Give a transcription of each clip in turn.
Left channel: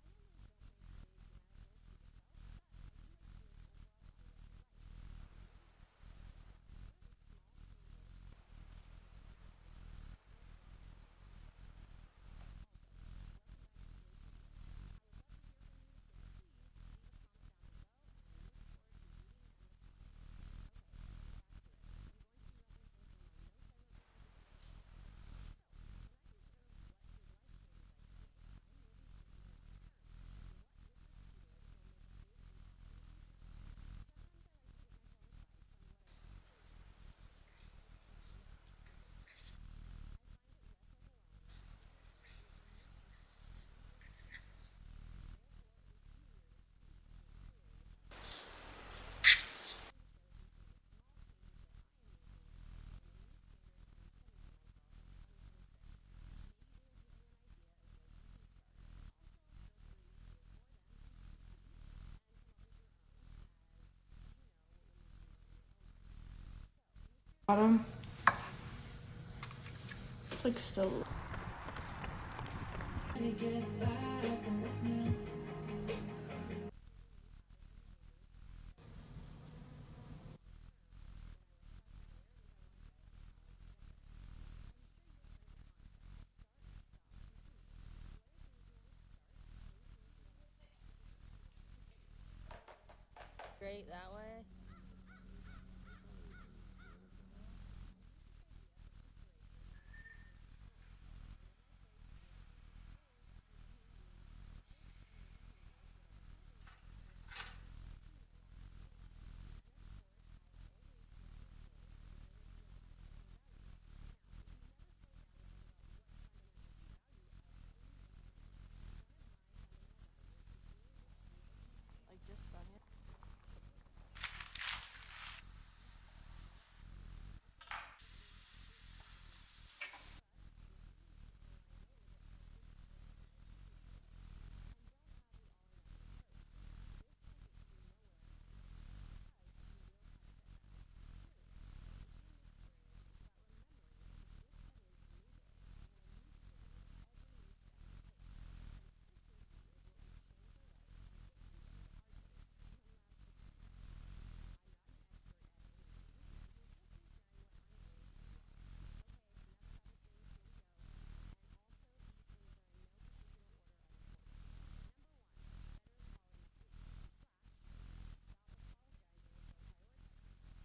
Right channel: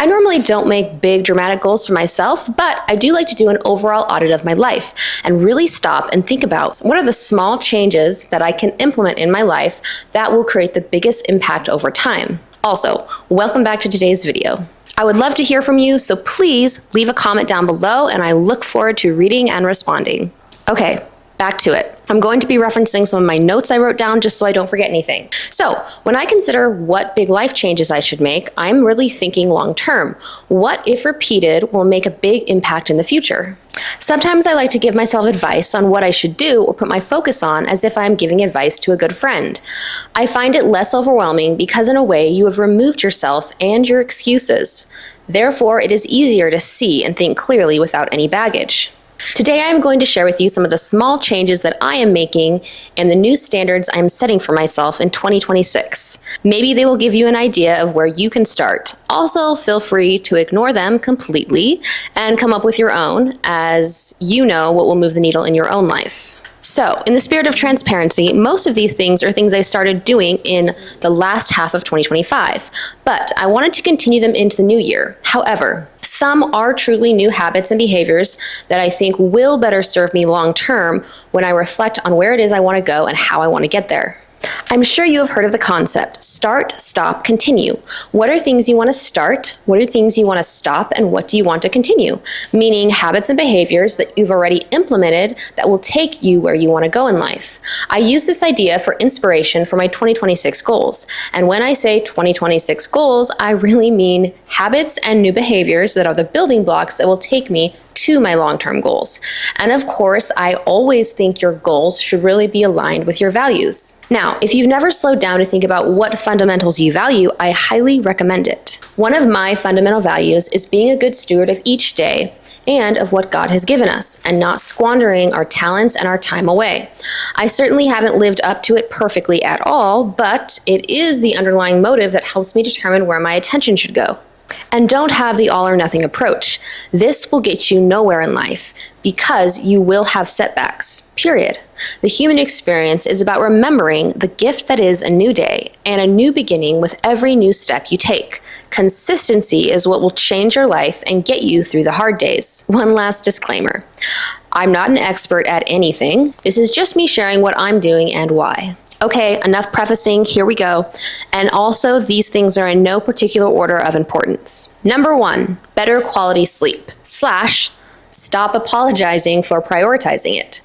I normally don't make big dramatic goals for myself, but I do like to do an overall audit of my life and really stop and think about what are the small changes that I can implement in my life that will create the biggest impact over time. Also, welcome back to today's video. I would love to hear from you, so please leave a comment down below and I look forward to reading and responding. Okay, back to it. I'm going to be referencing some of my notes I wrote down just so I don't forget anything. So when I consider what big life changes I should make, I'm really thinking long term. What, if repeated, will make a big impact in the future? Sometimes I like to give myself advice on what I should do or put my focus on as if I'm giving advice to a good friend. I find it less overwhelming because in a way you have removed yourself and your excuses. Therefore, it is easier to see and think clearly without any baggage. Today, I am going to share with you some of the small changes that I am making and the new standards I am setting for myself in 2026. Maybe they will give you an idea of where you can start. Also, feel free to ignore them completely and come up with your own, as you know what will move the needle in your own life. So, in the spirit of transparency, most of these things are things I started doing in the last half of 2025, but I wanted to continue them into the new year. However, some are truly new habits and behaviors that I think will better serve me long term when I reflect on where it is I want to go and how I want to get there. I'm sure you have heard of the concept, start, stop, continue. What are things you want to start? What are things you want to stop? And what do you want to continue? Meaning habits and behaviors that you've already implemented that will take you where you want to go in life. I use this idea for inspiration for my 2026 goals. And when I say 2026 goals, I really mean habits and new behaviors that are the building blocks that will take me to my long-term goals. And of course, I always think your goals should really be aligned with your values. Now, if you've never slowed down to think about what fundamentals you value, I highly recommend it. One of my fundamental values is being a good steward of each day and of what God has given us, and not squandering our talents and our time away. I certainly haven't lived up to it perfectly at all, but it is the underlying motive that helps me determine where my attention should go. And don't have the all or nothing approach. This will get you nowhere in life because you will have setbacks, period. The human experience is about remembering the gift that is a new day and a new beginning with every new step you take. Consistency is what will change your life and get you through the hard days. One last disclaimer. I'm not an expert at anything. This is just me sharing what I'm doing and why. Okay, enough prefacing, here we go. And also, these things are in no particular order of importance. Number 1, better quality sleep / stop apologizing for prioritizing it.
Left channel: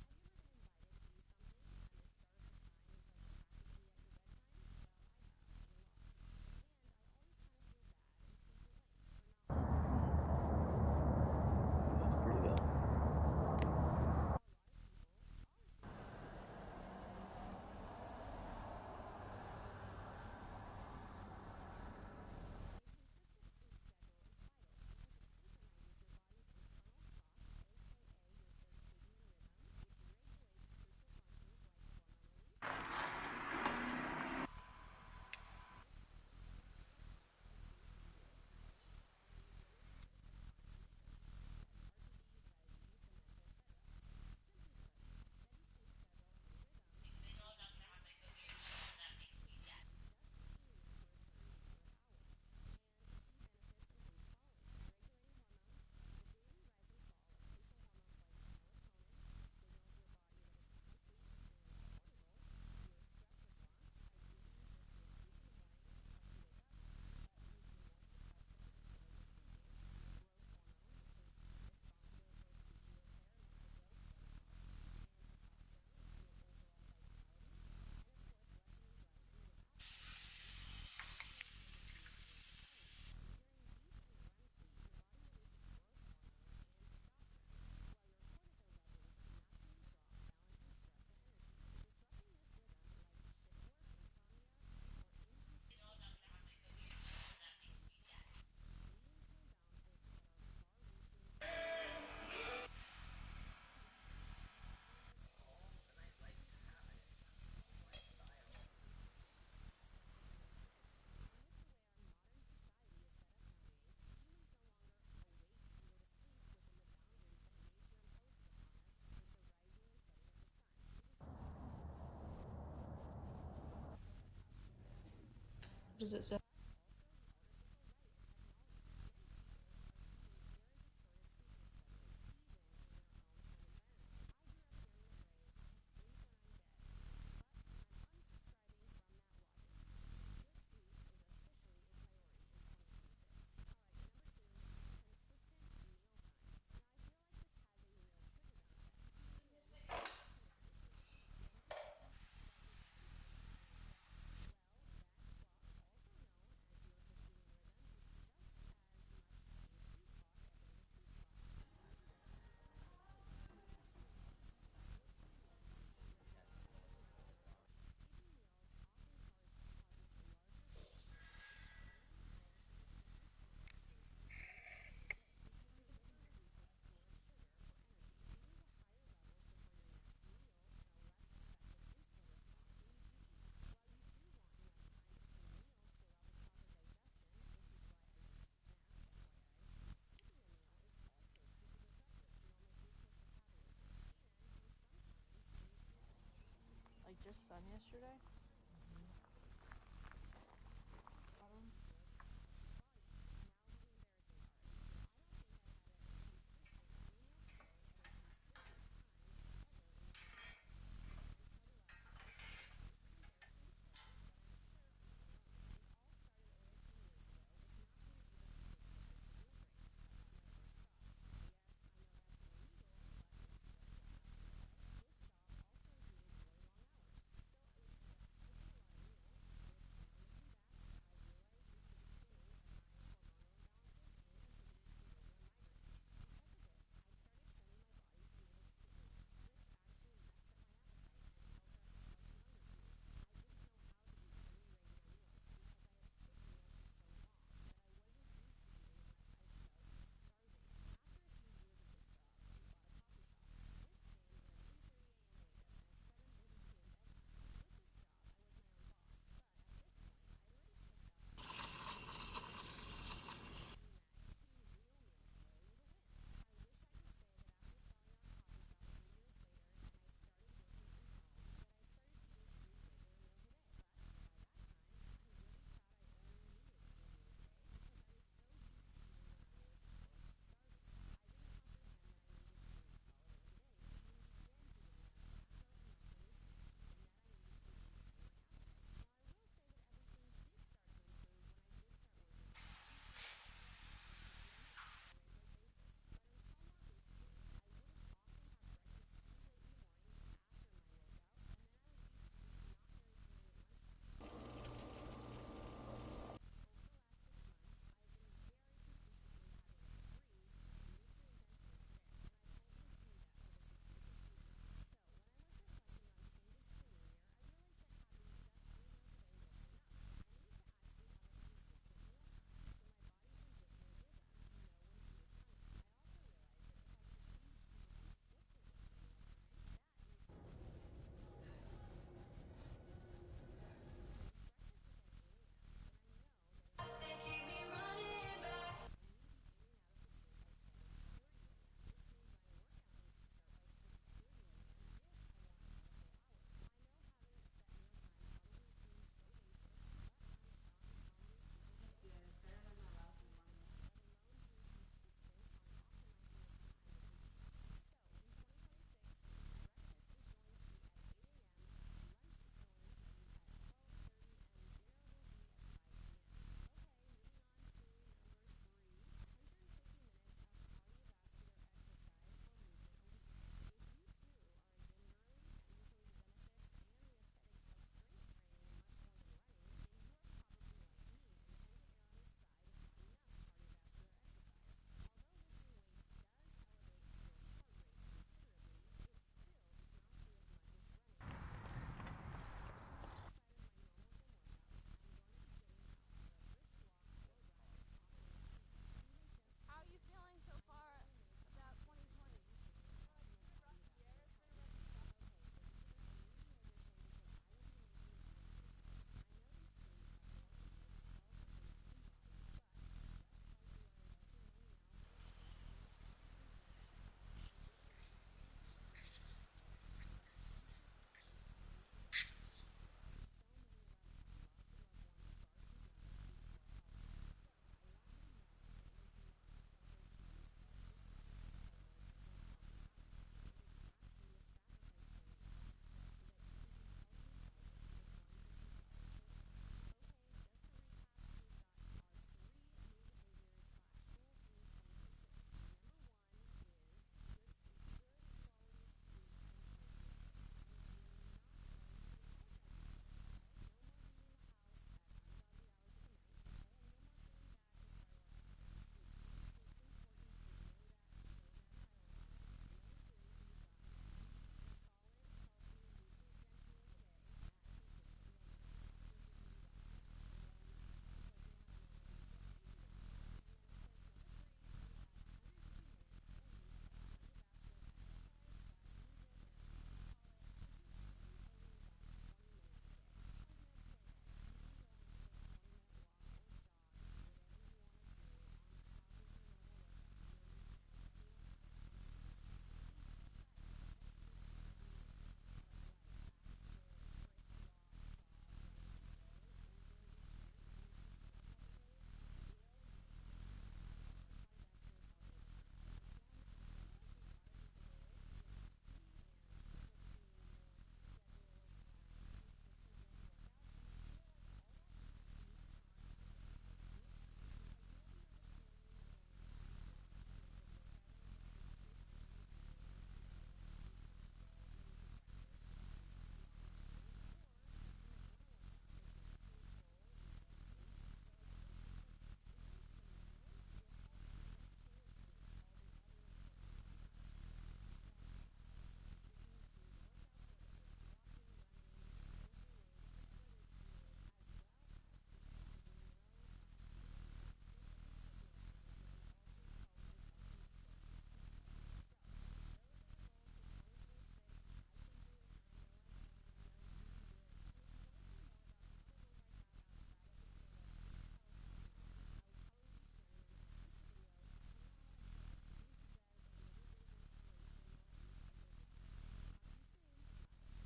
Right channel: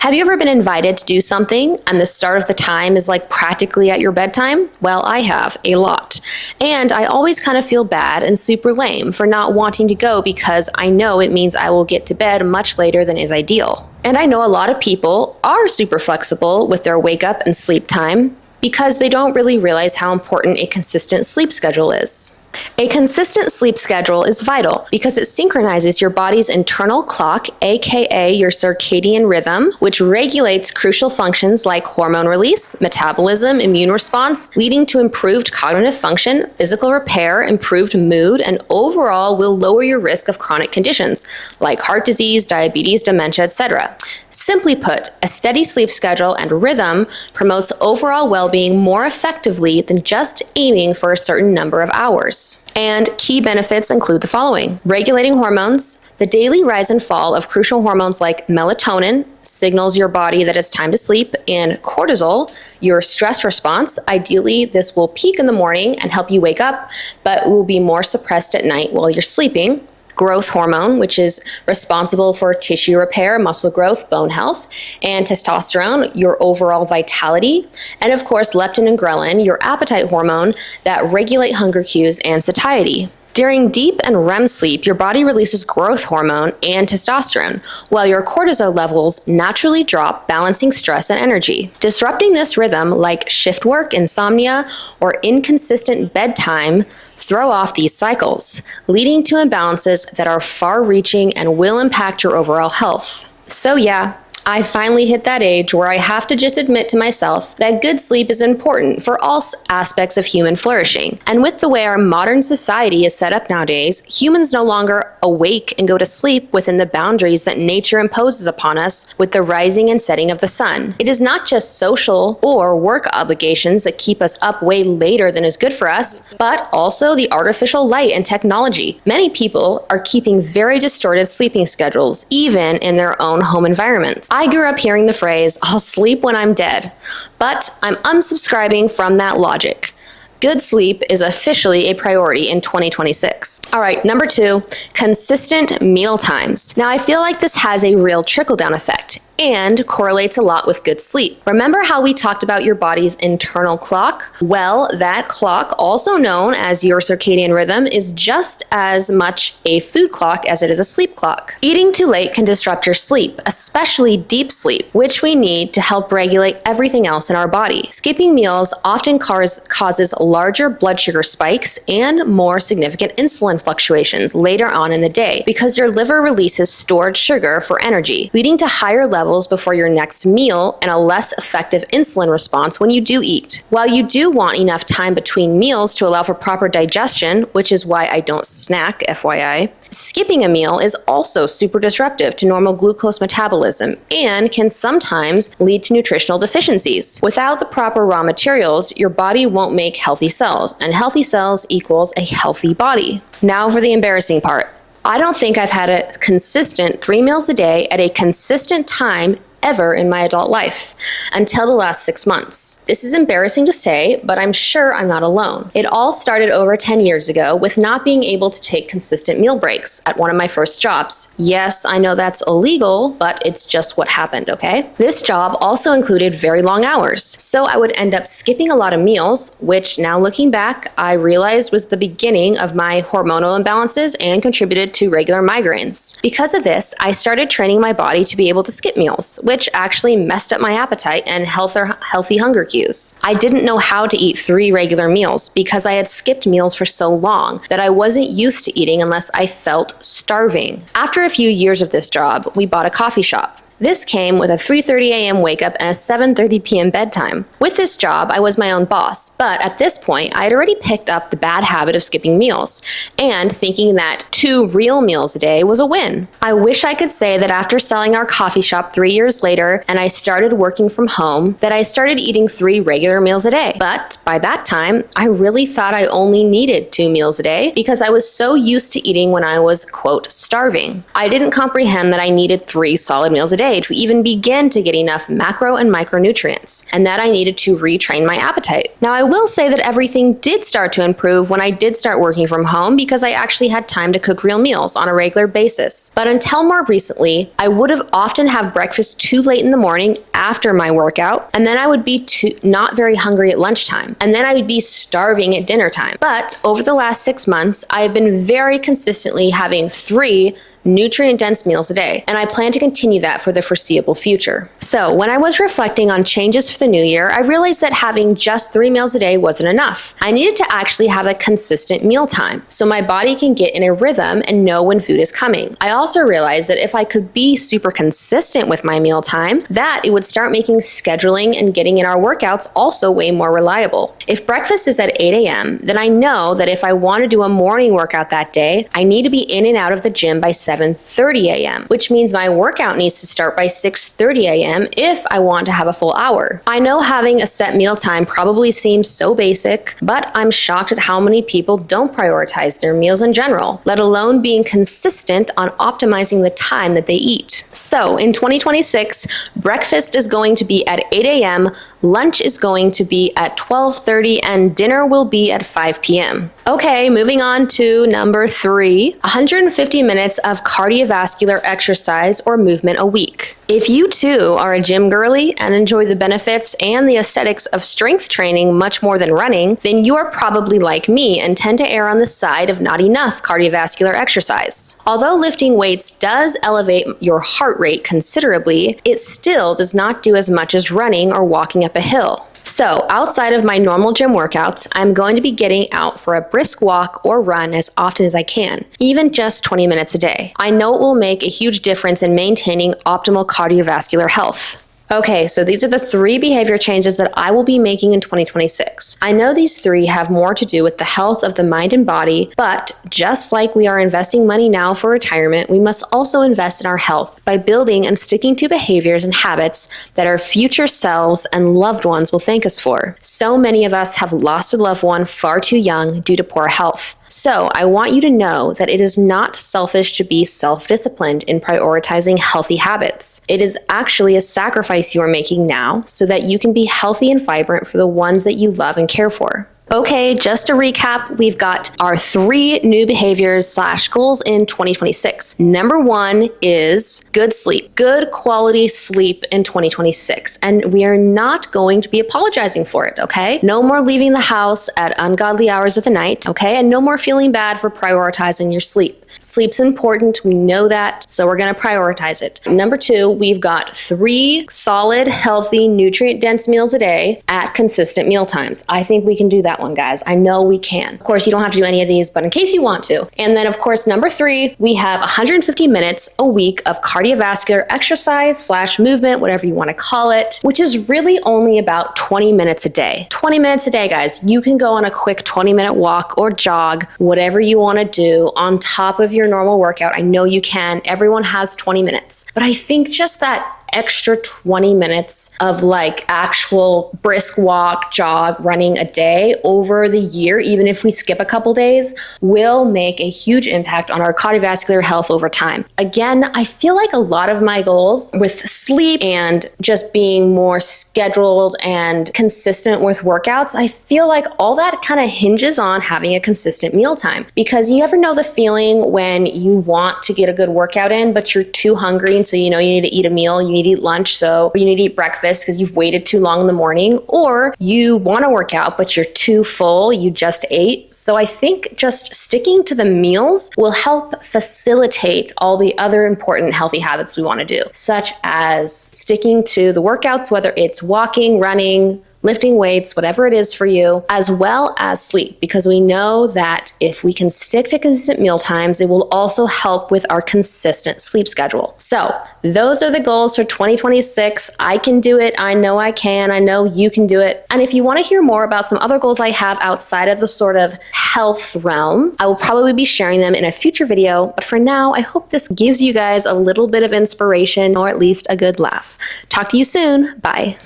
Have you ever been invited to do something and the start of the time is like practically at your bedtime? Well, I have, a lot. And I always kind of feel bad and super lame for not wanting to go because I know it means I will get to bed much later than is ideal. And I know a lot of people are super flexible with their wake up and sleep time because they don't really realize how important a consistent sleep schedule is. A consistent sleep schedule is vital because it synchronizes your body's internal clock, aka your circadian rhythm, which regulates crucial functions like hormone release, metabolism, immune response, leading to improved cognitive function, physical repair, improved mood, and overall will lower your risk of chronic conditions like heart disease, diabetes, dementia, etc. Simply put, a steady sleep schedule and rhythm promotes overall well-being more effectively than just aiming for a certain number of hours. And key benefits include the following: regulating hormones. The daily rise and fall of crucial hormones like melatonin signals your body that it's time to sleep, and cortisol, your stress response. Ideally, this will peak in the morning and help you wake up, but will be more suppressed at night while you're sleeping. Growth hormone, which is responsible for tissue repair, muscle growth, bone health, and testosterone, your overall vitality, and of course, leptin and ghrelin, your appetite hormone that regulate hunger cues and satiety. During deep and REM sleep, your body releases growth hormone and testosterone, while your cortisol levels naturally drop, balancing stress and energy. Disrupting this rhythm, like shift work, insomnia, or inconsistent bedtime, throw off these cycles, leading to imbalances that are far-reaching and will impact your overall health. So yeah, I finally hit that age where I have to just admit to myself that good sleep is important for all aspects of human flourishing. And with the way our modern society is set up nowadays, humans no longer awake and go to sleep within the boundaries that nature imposes upon us with the rising and setting of the sun. It is not just social or work obligations that keep us up way later than is good for us, but also the artificial light and technology. Many people are keeping very distorted sleeping schedules, even in their own home environments. I grew up hearing the phrase, "I'll sleep when I'm dead," but I'm unsubscribing from that logic. Good sleep is officially a priority in 2026. All right, number 2, consistent meal times. Now, I feel like this has a real trickle-down effect and correlates a lot with good sleep. Remember how we talked about your body's internal clock? Well, that clock, also known as your circadian rhythm, is just as much a food clock as it is a sleep clock. Eating too late can disrupt your sleep, especially deep sleep, which we need to help regulate everything else in our body. Skipping meals often causes larger blood sugar spikes and more significant insulin fluctuations later on in the day because your liver releases stored sugar for energy, leading to higher levels before your next meal and a less effective insulin response when you do eat. While you do want enough time between meals to allow for proper digestion, which is why I don't snack, FYI, skipping a meal is also super disruptive to normal glucose metabolism and can sometimes lead to nutritional deficiencies. Without the proper raw materials, your body won't make healthy cells, and healthy cells equals a healthy body. Now for the embarrassing part. I don't think I've had a consistent 3 meals a day at a consistent time ever in my adult life until the last 6 months. This is embarrassing to say, but I'm sure I'm not alone. It all started over 10 years ago with not being able to take consistent meal breaks at one of my first jobs. Yes, I know that's illegal, but it's just what happened, okay? This job also included very long hours, so I would end up skipping a lot of meals, which now looking back, I realized was the beginning of my hormonal imbalances and contributed to regular migraines. Because of this, I started training my body to be able to skip meals, which actually messed up my appetite and healthy hunger cues. I didn't know how to eat 3 regular meals because I had skipped meals for so long that I wasn't used to eating unless I felt starving. After a few years of this job, we bought a coffee shop. This came with a 3:30 a.m. wake up and a 7:30 p.m. bedtime. With this job, I was my own boss, but at this point, I had already picked up the bad habit of skipping meals and thinking that 2 real meals a day was a win. I wish I could say that after selling our coffee shop 3 years later and I started working from home, that I started eating 3 regular meals a day. But by that time, I really thought I only needed 2 meals a day because I was so used to eating when I was, quote, starving. I didn't comprehend that I needed 3 solid meals a day to even begin to get enough macro and micronutrients, and that I needed to retrain my appetite. Now, I will say that everything did start to improve when I did start working from home because I actually had time to cook real meals on a regular basis. But until more recently, I would have often have breakfast too late in the morning after my workout, and then I would be not very hungry at lunchtime, and then I would be starving at dinner time. But over the last 6 months, I have been very consistently having 3 nutrient-dense meals a day, and I plan to continue that for the foreseeable future. So when I was reflecting on changes for the new year, I realized that having just 3 meals a day wasn't enough. I needed to actually have a consistent meal time so my body can get in a rhythm and know when food is coming. I also realized that if I could be super consistent with my meal time, that it would start making scheduling and getting in our workouts also way more reliable. If breakfast is at 8 a.m., then I know that if I want to do a morning workout that day, I need to be in and out of the gym by 7:30 a.m., which means my workout needs to start by 6:30 a.m. if I want to have a full hour. I know having a set meal time probably seems so basic, but I'm shocked at how many people don't prioritize their meals in general, let alone being consistent on optimizing the time that they eat. So in 2026, breakfast is going to be at 8 a.m., lunch is going to be at 12:30, and dinner will be at 5 p.m. Okay, moving on to number 3, 150 minutes of cardiovascular exercise or movement a week. If you too are a gym girly and enjoy the benefits and the aesthetics of strength training much more than running, then you are probably like me and tend to err on the side of not enough cardiovascular exercise. Although lifting weights does elevate your heart rate considerably, it still does not do as much as running or walking up a hill. So outside of my normal gym workouts, I'm going to be getting out for a brisk walk or run as often as I can, even just 20 minutes a day. I know it will make a huge difference in maintaining optimal cardiovascular health. Okay, so these are the 3 behavior changes that I will be making in 2026. I know these 3 have more to do with the health of the mind and body, but just like we are investing money now for retirement, we must also invest in our health by building and sticking to behaviors and habits that our future selves and loved ones will thank us for. So many of us have lost a loved one far too young due to poor health. So I want you to know that it is not selfish to be self-disciplined in prioritizing healthy habits. It is actually a sacrifice you are making now so that you can be healthy and vibrant for the ones that you love and care for. Okay, just to recap, we've got our 3 new behaviors / goals in 2026. Number 1 is good sleep, good quality sleep in 2026. And we are not going to be apologizing for it, okay? No more leaving the house at ungodly hours of the night, okay? And no more feeling bad for prioritizing your sleep. Sleep's important, we know that, so we're gonna prioritize it. Number 2, we've got 3 solid, healthy, nutrient-dense meals a day at consistent meal times. I think we can do that one, guys. I know we can. Of course, you don't have to do any of these, but in case you want to. And then, of course, number 3, we have 150 minutes a week of cardiovascular exercise / movement, whatever you wanna call it, which is really only about 20 minutes a day. 20 minutes a day, guys. You can go on a quick 20-minute walk or jog, whatever you wanna do on top of your normal workout. I know you can. Everyone has 20 minutes. But I think just that extra 20 minutes of like actual brisk walk, jog, running a day over the year, even if we skip a couple days, will make a huge impact on our cardiovascular health over time. Again, I feel like a lot of my goals with sleep and just being more scheduled and consistent with workouts, I feel like all that kind of hinges on having a consistent meal time. Because you ever know the feeling when you want to get a good workout in, but you're too hungry, and so you know you need to eat a meal, you need to eat lunch, so you need to eat breakfast because you've waited too long in the morning, or you want to work out but you're too full, you just ate. So I think just sticking to the meals will help facilitate all the other important healthy habits we want to do, such as sticking to the workouts, whether it's walking, running, lifting weights, whatever it is for you, as well as sleep, because we know that if we can stick to consistent meal times, it will also help with our consistent sleep schedule. So those are the goals for 2026. I can do it. I know I can. I know you can do it. And if you want to hear more about some other goals I have outside of the sort of health realm, I will probably be sharing them in a future video. But for now, I hope this gives you guys a little bit of inspiration or at least a good laugh. Talk to you soon. Bye.